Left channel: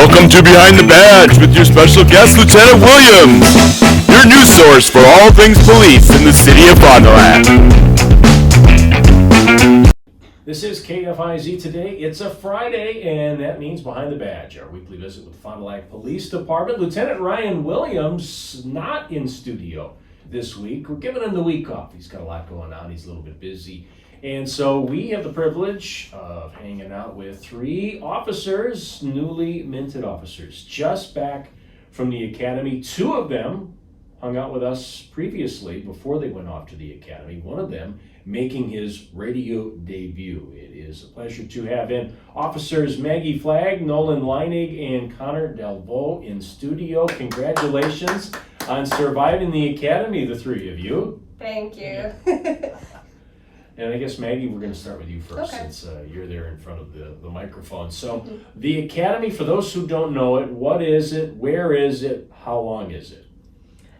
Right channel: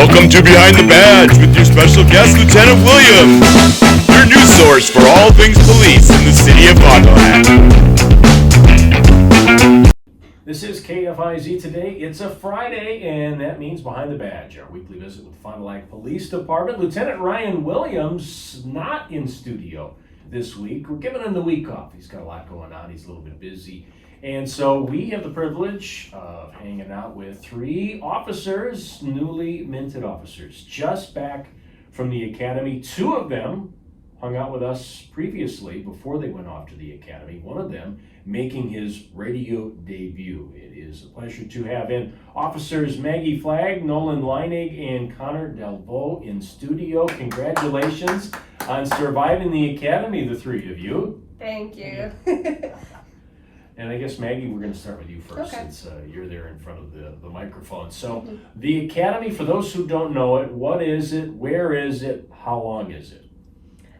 Welcome to Behind the Badge with your special guest, Lieutenant Williams, your news source for all things police in the city of Fond du Lac. This is KFIZ Today. It's a Friday, and that means Behind the Badge, our weekly visit with Fond du Lac Police Department. Lieutenant Ryan Williams not in studio this week. We're giving him the week off. He's got a lot going on. He's a little bit busy. And so we have the privilege of hanging out with three officers, newly minted officers, just back from the academy. Two of them hung out with us previously before they went off to the academy. One of them making his radio debut. It is a pleasure to have in Officers Maggie Flagg, Nolan Leinig, and Connor Delvaux in studio. Congratulations on surviving the academy, the three of you. Thank you. And I guess, Maggie, we're going to start with you first, okay. Since you're there in front of the microphone. So the academy, for those who don't know it, what is it, where is it, how long is it?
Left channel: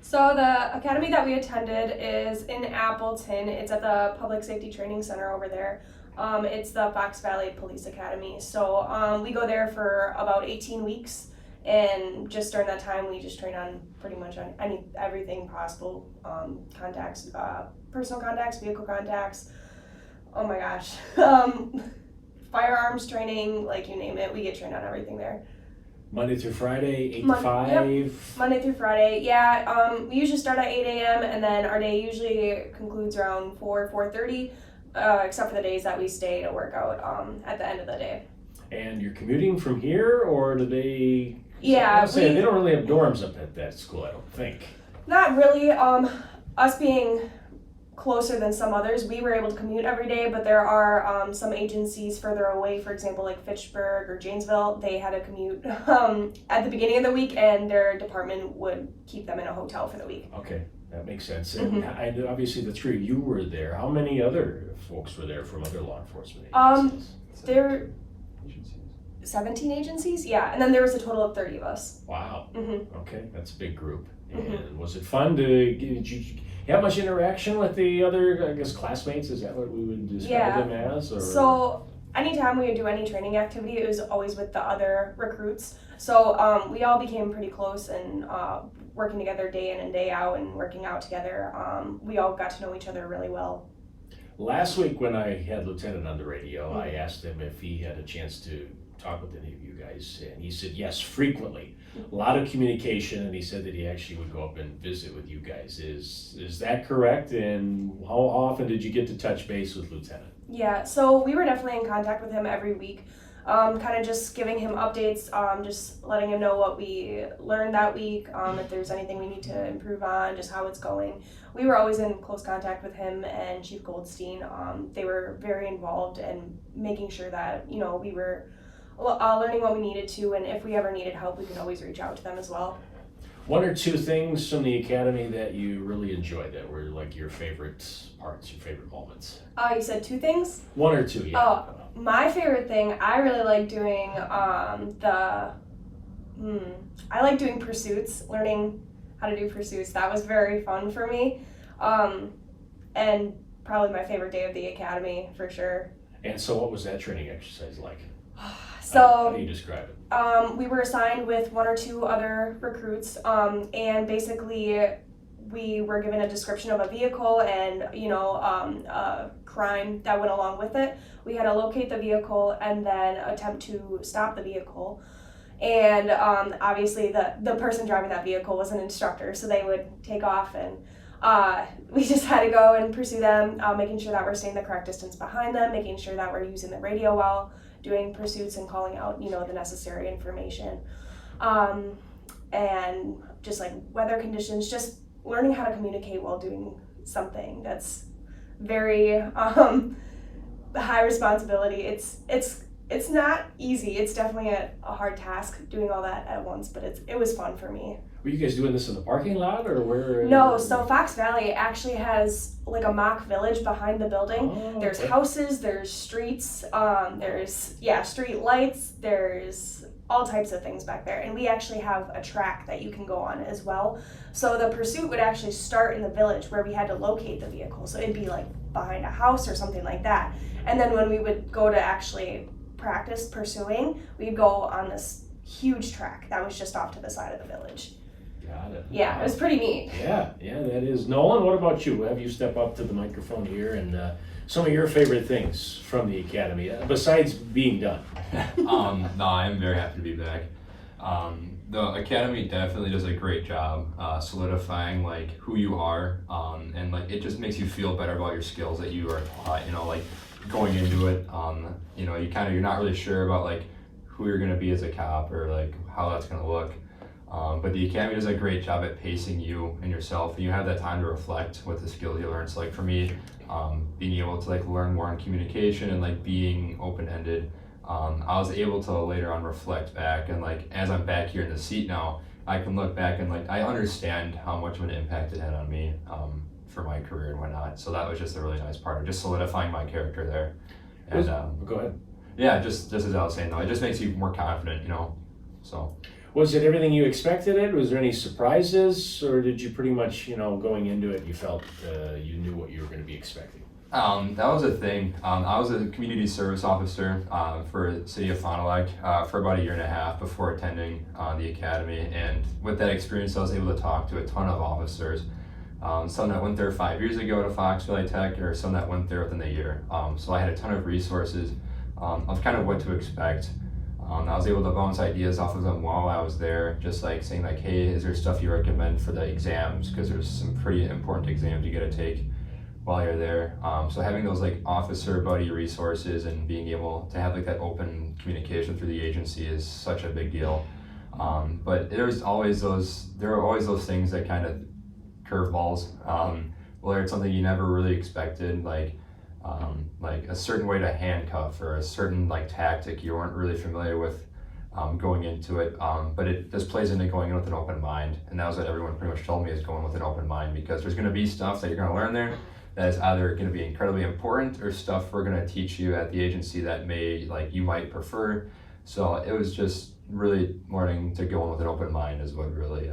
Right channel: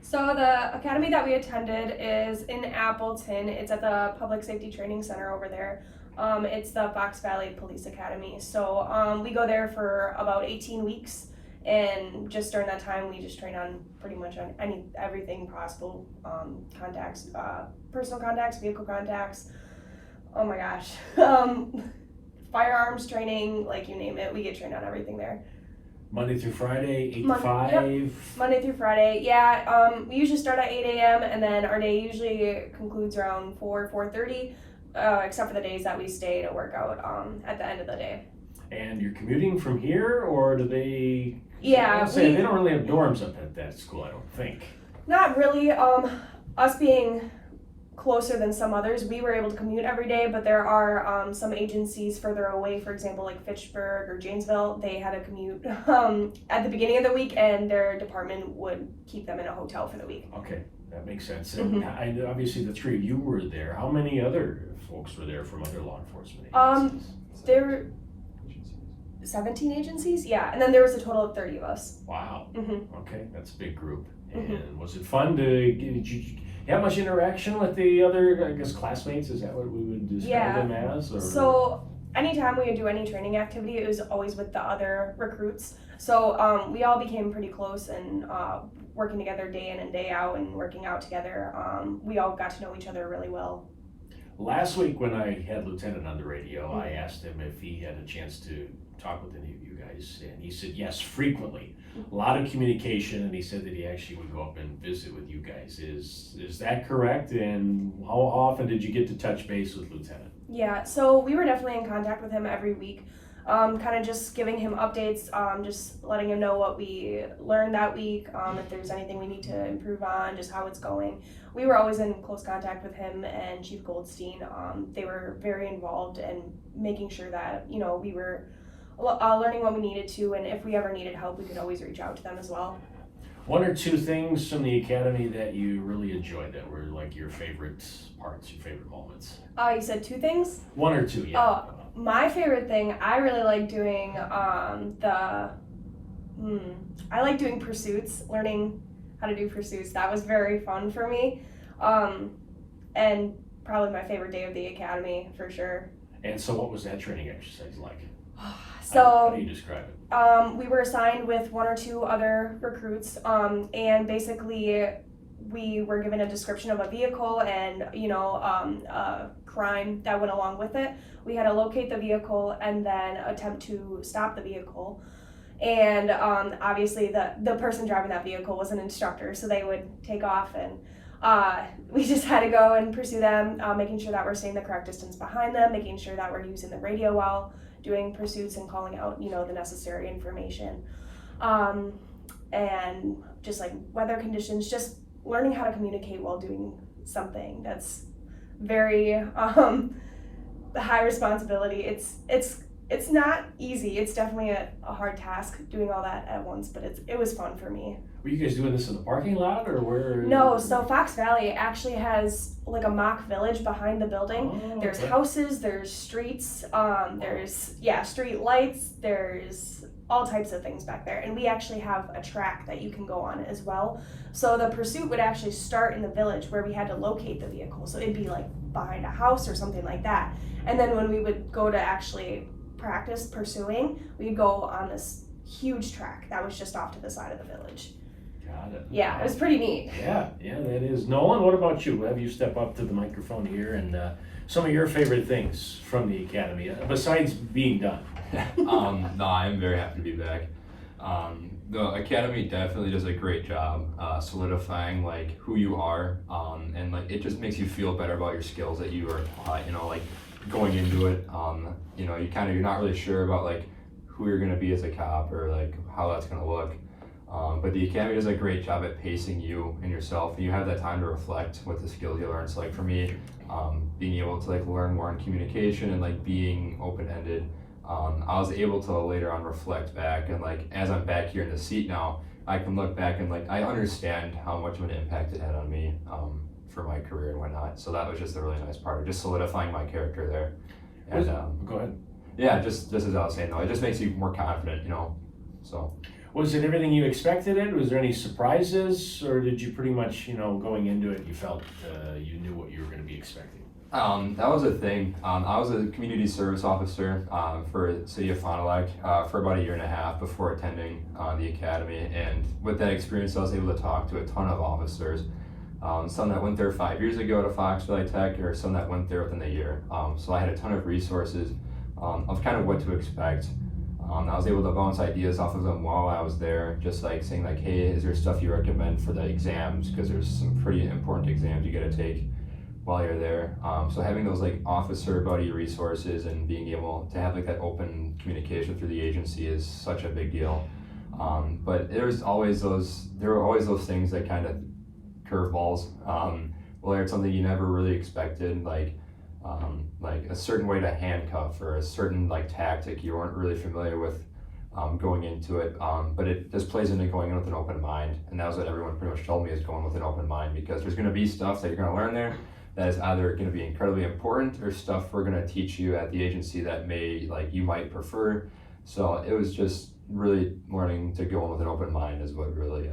So the academy that we attended is in Appleton. It's at the Public Safety Training Center over there. It's the Fox Valley Police Academy. So we go there for about 18 weeks. And just during that time, we just train on pretty much on everything possible. Contacts, personal contacts, vehicle contacts. Oh my gosh. Firearms training, like you name it. We get trained on everything there. Monday through Friday, 8 to 5? Yep. Monday through Friday, yeah. We usually start at 8 a.m. and then our day usually concludes around 4:30, except for the days that we stay to work out at the end of the day. And you're commuting from here, or do they... Yeah. They don't really have dorms up at that school, I don't think. Not really. Us being closer than some others, we were able to commute every day, but there are some agencies further away, for example, like Fitchburg or Janesville. They had to commute at the beginning of the week, and their department would keep them in a hotel for the week. Okay, that makes sense. And obviously the three of you were there. How many other folks were there from other law enforcement agencies? There were 17 agencies, yeah, and then there was a total of 30 of us. Wow. Okay, that's a big group. And was it fun did you have much interaction with the other, I guess, classmates? Is that what we would describe them as? Or? So anytime we would do any training activity, it was always with the other recruits. So we all became pretty close and working together day in and day out and working out together. We all got to know each other really well. Last week when I had Lieutenant on the radio, I asked him if he had a chance to talk with any of you guys, and he said yes, frequently. A lot of communication, and he said that he actually would go up and visit with you guys. Is that correct? And how often did you get to touch base with Lieutenant? Yeah, so we were definitely in contact with him every week, kind of just giving him updates, just letting him know what we learned that week, if there's anything we need to improve on, just how it's going. We were always in close contact with him and Chief Goldstein. They were very involved in making sure that, you know, we were learning what we needed to, and if we ever needed help, we could always reach out to them as well. One or two things from the academy that you really enjoyed that were like your favorite parts, your favorite moments? You said two things? One or two, yeah. Oh, my favorite thing, I really like doing I like doing pursuits, learning how to do pursuits. That was very fun for me. And probably my favorite day of the academy, for sure. And so what was that training exercise like? So, how do you describe it? We were assigned with one or two other recruits, and basically we were given a description of a vehicle and, you know, a crime that went along with it. We had to locate the vehicle and then attempt to stop the vehicle. And obviously the person driving that vehicle was an instructor, so they would take off, and we just had to go and pursue them, making sure that we're staying the correct distance behind them, making sure that we're using the radio well, doing pursuits and calling out, you know, the necessary information. And just like weather conditions, just learning how to communicate while doing something that's very high responsibility. It's not easy. It's definitely a hard task doing all that at once, but it was fun for me. Were you guys doing this in the parking lot, or where? No, so Fox Valley actually has like a mock village behind the building. Oh, there's houses, there's streets, there's street lights, there's all types of things back there. And we actually have a track that you can go on as well. So the pursuit would actually start in the village where we had to locate the vehicle. So it'd be like behind a house or something like that. And then when we would go to actually practice pursuing, we'd go on this huge track that was just off to the side of the village. Got it. Yeah, it was pretty neat. Yeah, that is. Nolan, what about you? Have you step up to the microphone here and some of your favorite things from the academy besides being done? No, I'm very happy to be back. The academy definitely does a great job solidifying like who you are, and like it just makes you feel better about your skills that you are taught. Like going into it, you're not really sure about like who you're gonna be as a cop or like how that's gonna look. But the academy does a great job at pacing you and yourself, and you have that time to reflect with the skills you learn. So like for me, being able to like learn more on communication and like being open-ended, I was able to later on reflect back, and like as I'm back here in the seat now, I can look back and like I understand how much of an impact it had on me for my career and whatnot. So that was just a really nice part of just solidifying my character there. And Go ahead. yeah, just as I was saying though, it just makes you more confident, so. Was it everything you expected? Was there any surprises, or did you pretty much, going into it, you felt you knew what you were going to be expecting? That was a thing. I was a community service officer for the city of Fond du Lac for about a year and a half before attending the academy, and with that experience I was able to talk to a ton of officers, some that went there 5 years ago to Foxville Tech, or some that went there within a year. So I had a ton of resources of kind of what to expect. I was able to bounce ideas off of them while I was there, just like saying like, hey, is there stuff you recommend for the exams? Because there's some pretty important exams you gotta take while you're there. So having those like officer buddy resources and being able to have like that open communication through the agency is such a big deal. But there were always those things that kind of curveballs, whether it's something you never really expected, like a certain way to handcuff or a certain like tactic you weren't really familiar with going into it, but it just plays into going in with an open mind, and that was what everyone pretty much told me, is going with an open mind, because there's going to be stuff that you're going to learn there that is either going to be incredibly important or stuff we're going to teach you at the agency that you might prefer. So it was just really learning to go in with an open mind is what really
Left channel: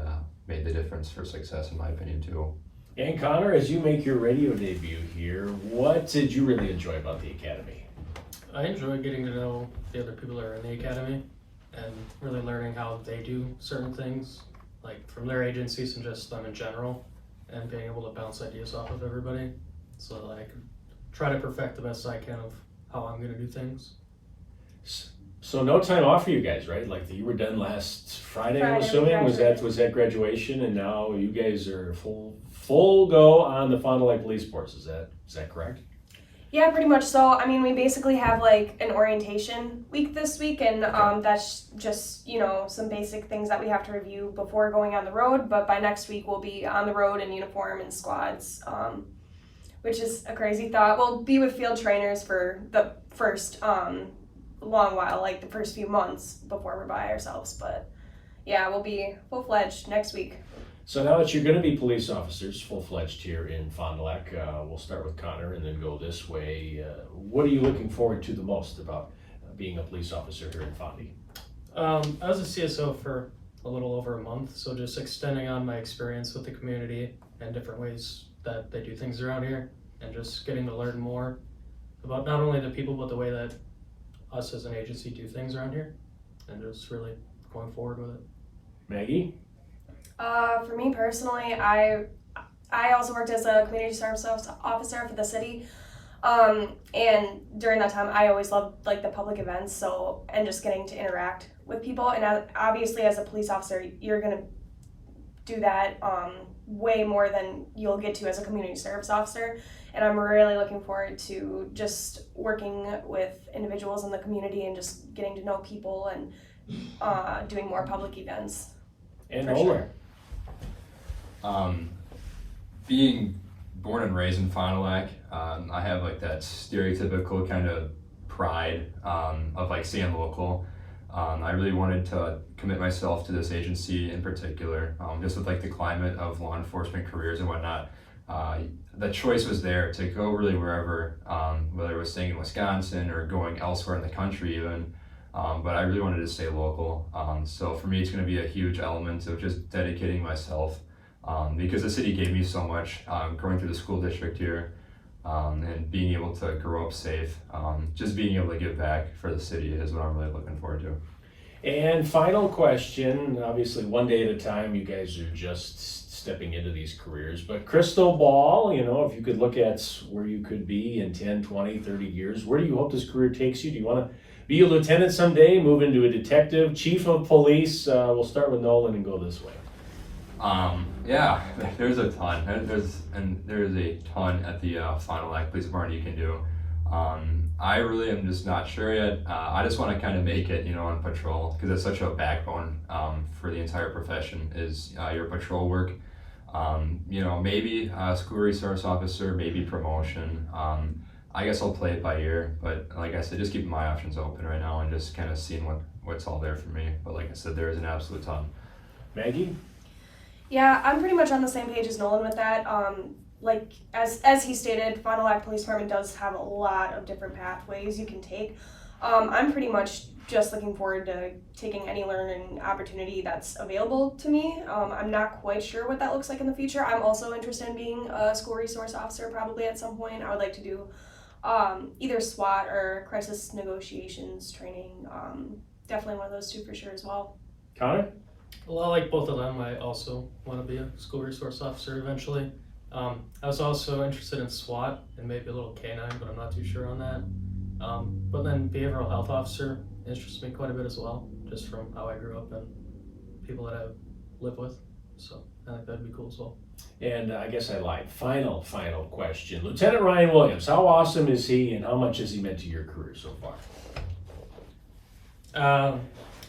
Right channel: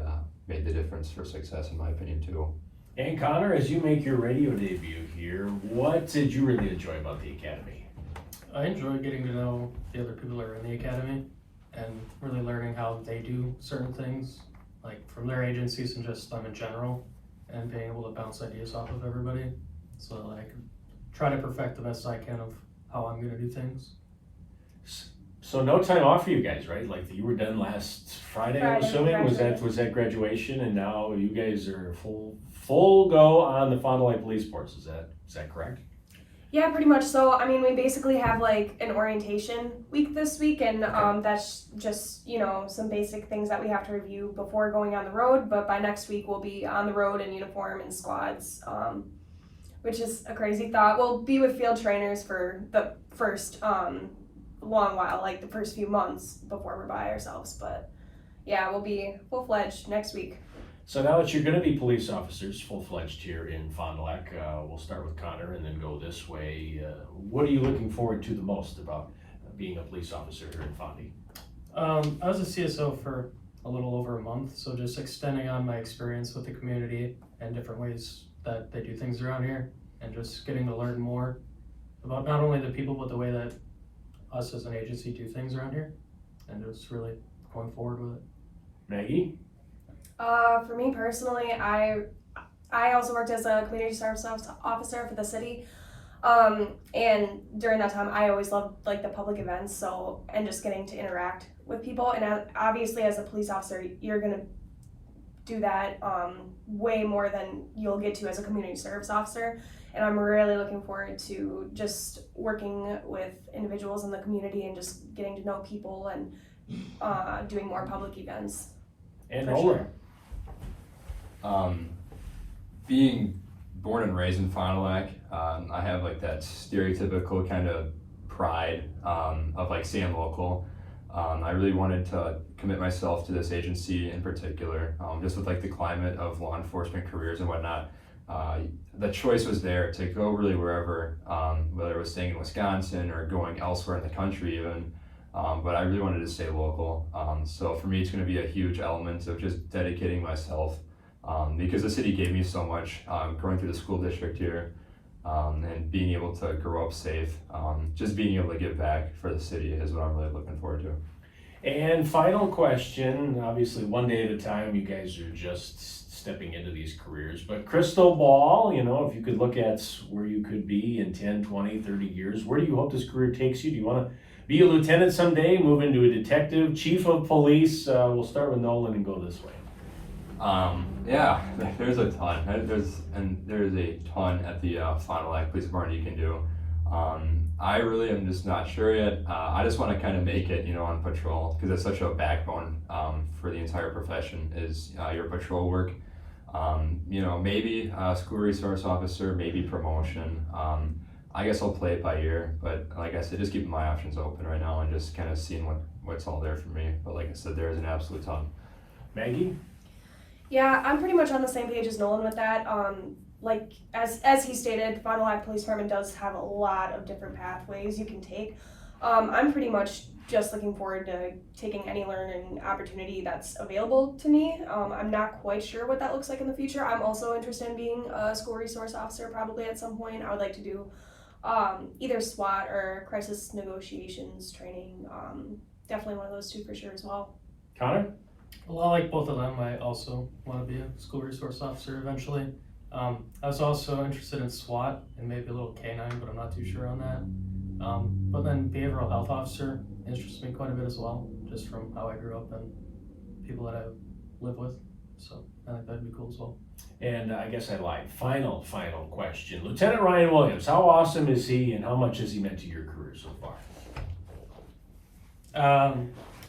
made the difference for success, in my opinion, too. And Connor, as you make your radio debut here, what did you really enjoy about the academy? I enjoy getting to know the other people that are in the academy and really learning how they do certain things, like from their agencies and just them in general, and being able to bounce ideas off of everybody so that I can try to perfect the best I can of how I'm gonna do things. So no time off for you guys, right? Like you were done last Friday, I'm assuming. Was that graduation, and now you guys are full go on the Fond du Lac Police Force? Is that correct? Yeah, pretty much. So, I mean, we basically have like an orientation week this week, and that's just, some basic things that we have to review before going on the road. But by next week, we'll be on the road in uniform and squads, which is a crazy thought. We'll be with field trainers for the first long while, like the first few months before we're by ourselves. But yeah, we'll be full-fledged next week. So now that you're going to be police officers, full-fledged here in Fond du Lac, we'll start with Connor and then go this way. What are you looking forward to the most about being a police officer here in Fondy? I was a CSO for a little over a month, so just extending on my experience with the community and different ways that they do things around here, and just getting to learn more about not only the people, but the way that us as an agency do things around here, and just really going forward with it. Maggie? For me personally, I also worked as a community service officer for the city, and during that time I always loved like the public events, and just getting to interact with people, and obviously as a police officer you're gonna do that way more than you'll get to as a community service officer, and I'm really looking forward to just working with individuals in the community and just getting to know people and doing more public events. And For Nolan? sure. Being born and raised in Fond du Lac, I have like that stereotypical kind of pride of like staying local. I really wanted to commit myself to this agency in particular, just with like the climate of law enforcement careers and whatnot. The choice was there to go really wherever, whether it was staying in Wisconsin or going elsewhere in the country even. But I really wanted to stay local. So for me, it's going to be a huge element of just dedicating myself, because the city gave me so much, growing through the school district here, and being able to grow up safe. Just being able to give back for the city is what I'm really looking forward to. And final question, obviously one day at a time, you guys are just stepping into these careers, but crystal ball, if you could look at where you could be in 10, 20, 30 years, where do you hope this career takes you? Do you want to be a lieutenant someday, move into a detective, chief of police? We'll start with Nolan and go this way. Yeah, there's a ton. There's a ton at the Fond du Lac Police Department you can do. I really am just not sure yet. I just want to kind of make it, on patrol, because it's such a backbone for the entire profession is your patrol work. Maybe school resource officer, maybe promotion. I guess I'll play it by ear, but like I said, just keeping my options open right now and just kind of seeing what's all there for me. But like I said, there is an absolute ton. Maggie? Yeah, I'm pretty much on the same page as Nolan with that. Like as he stated, Fond du Lac Police Department does have a lot of different pathways you can take. I'm pretty much just looking forward to taking any learning opportunity that's available to me. I'm not quite sure what that looks like in the future. I'm also interested in being a school resource officer probably at some point. I would like to do either SWAT or crisis negotiations training. Definitely one of those two for sure as well. Connor? Well, I like both of them. I also want to be a school resource officer eventually. I was also interested in SWAT and maybe a little canine, but I'm not too sure on that. But then behavioral health officer interests me quite a bit as well, just from how I grew up and people that I live with. So I think that'd be cool as well. And I guess I lied. Final question. Lieutenant Ryan Williams, how awesome is he and how much has he meant to your career so far?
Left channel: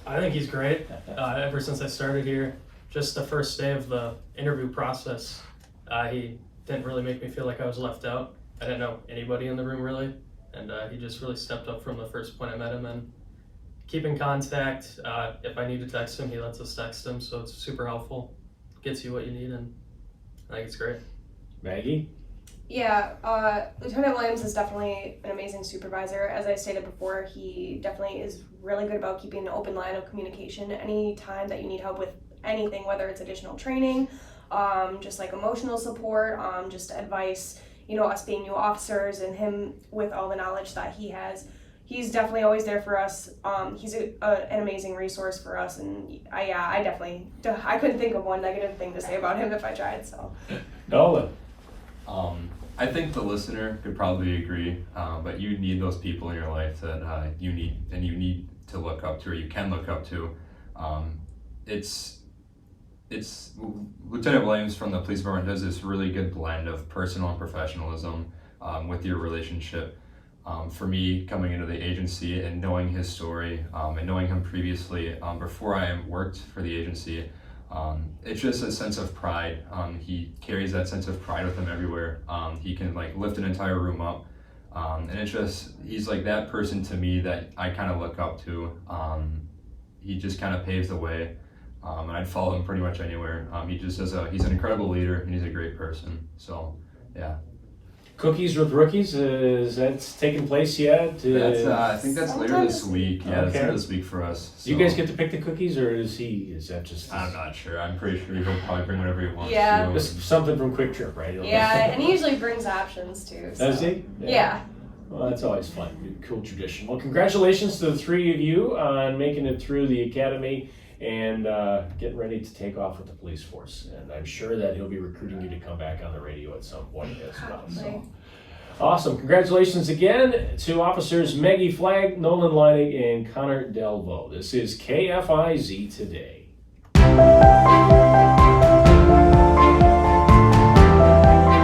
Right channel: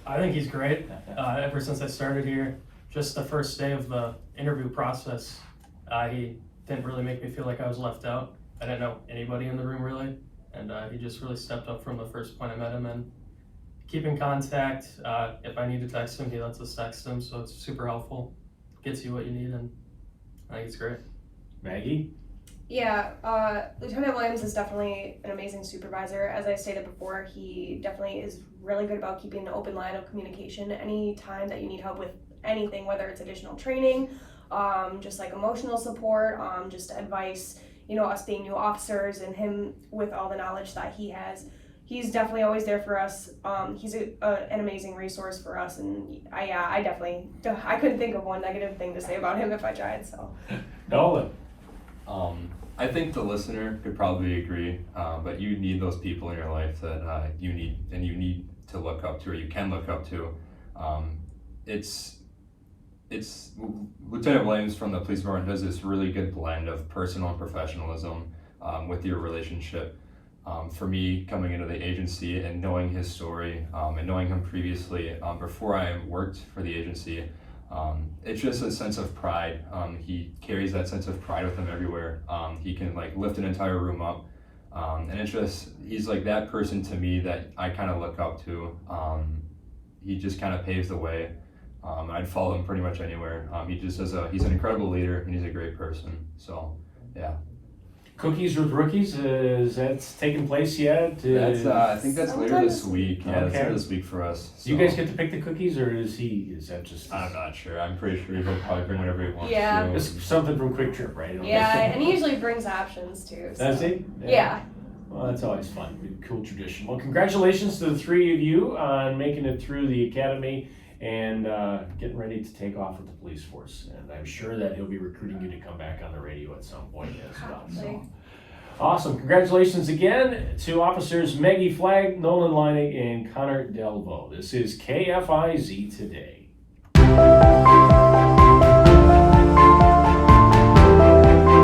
I think he's great. Ever since I started here, just the first day of the interview process, he didn't really make me feel like I was left out. I didn't know anybody in the room really, and he just really stepped up from the first point I met him, and keep in contact. If I need to text him, he lets us text him, so it's super helpful. Gets you what you need, and I think it's great. Maggie? Yeah, Lieutenant Williams is definitely an amazing supervisor. As I stated before, he definitely is really good about keeping an open line of communication. Any time that you need help with anything, whether it's additional training, just like emotional support, just advice, us being new officers and him with all the knowledge that he has, he's definitely always there for us. He's an amazing resource for us, and I couldn't think of one negative thing to say about him if I tried, so. Nolan? I think the listener could probably agree, but you need those people in your life that you need to look up to, or you can look up to. It's Lieutenant Williams from the police department does this really good blend of personal and professionalism with your relationship. For me, coming into the agency and knowing his story and knowing him previously before I worked for the agency, it's just a sense of pride. He carries that sense of pride with him everywhere. He can lift an entire room up, and he's like that person to me that I kind of look up to. He just kind of paves the way. I'd follow him pretty much anywhere. He's an incredible leader, and he's a great person. So, yeah. Cookies with rookies, is that taking place yet? I think that's later this week. Yeah, it's later this week for us. So. Do you guys get to pick the cookies, or is that just? I'm not sure. I'm pretty sure he'll probably bring whatever he wants. Yeah. Just something from Quick Trip, right? Yeah, and he usually brings options too. So. Does he? Yeah. Well, that's always fun. Cool tradition. Well, congratulations to the three of you on making it through the academy and getting ready to take off with the police force. And I'm sure that he'll be recruiting you to come back on the radio at some point as well. So. Awesome. Congratulations again to officers Maggie Flagg, Nolan Leinig, and Connor Delvaux. This is KFIZ Today.